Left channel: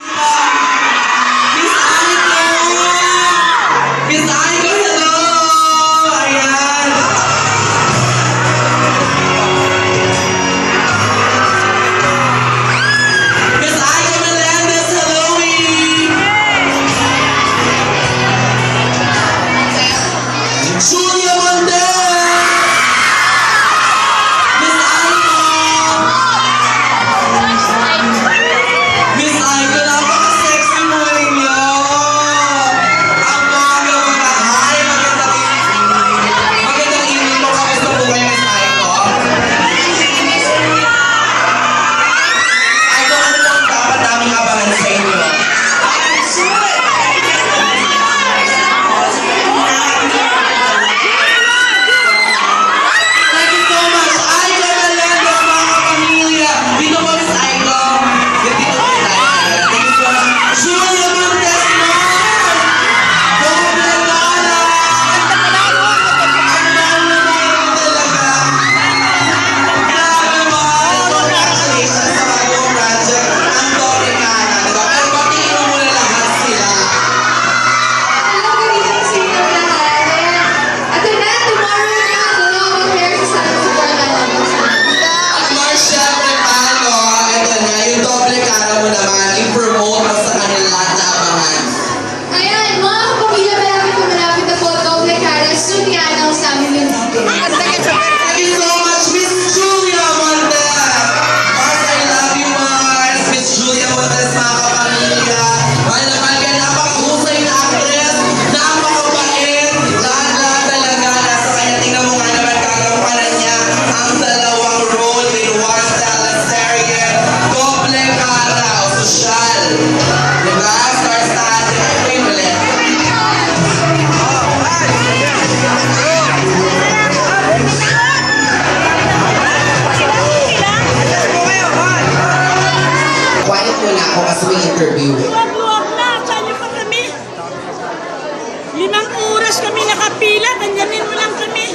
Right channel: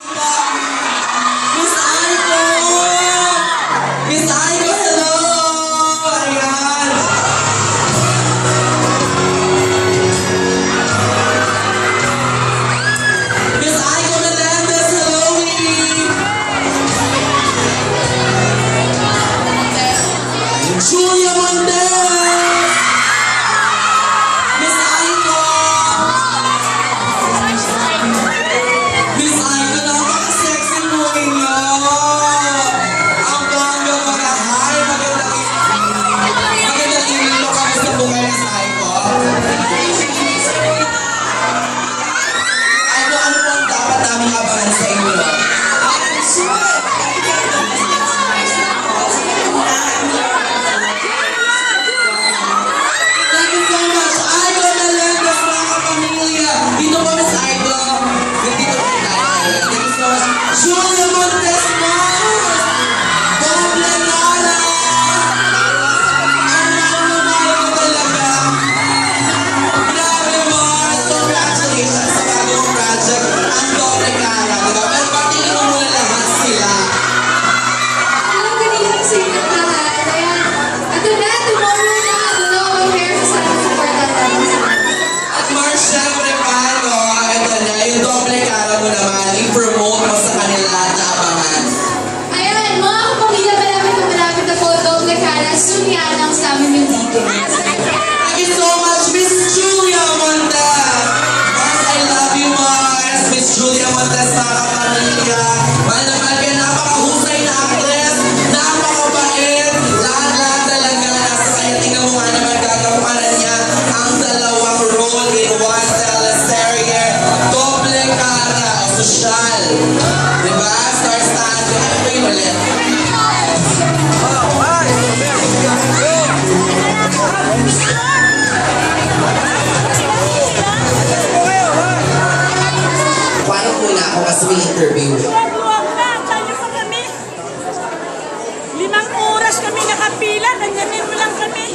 Miss Aiko! Miss Aiko, hello! Ayan! Miss Aiko Melendez, hello! Julia Montes! Miss Aiko! Miss Aiko, napaka-sexy mo ninyo! Ang bongga mga hi! Magandang evening po kami sa buhay, Miss Aiko. Aiko, ano po ang dapat naming abangan sa inyo? Thank you so much, Aiko Melendez, mga kapamilya! Dito po, Miss Aiko! Dito po tayo. Thank you so much. Julia Montes Mars! Doble Lara! Ang mahal-mahal mo talaga! Grabe, Mars! Congratulations sa bagong project. Ang Doble Lara, diba? Pero batiin mo muna lahat sila. Hello, good evening sa inyo lahat. Ito na, tomorrow na, dalawang pairs sa support natin. At Mars, syempre, paano? Ito na, yung Doble Lara mo naman, i-promote mo sa kanila lahat na abangan. Ayan, mga kapamilya, malapit na po, doble cara, soon i-announce namin yung dito. Thank you so much, Miss Julia Montes! Mars, I love you, Mars! Miss Julia Montes, mga kapamilya! Mahal na mahal kayo, napakahusay na actress, napakabait, lahat-lahat talaga nasa kanya. Tingnan mo nga naman kagampanan niya ang dalawang role in one teleserye, Doble Cara o Sosyal. Diba? Stars natin. Ano pa yun ulit? Quiet muna ako kasi may interview. Huwag na, sali pa kami. 5 oras kami nakapila, ganyanin mo lang kami.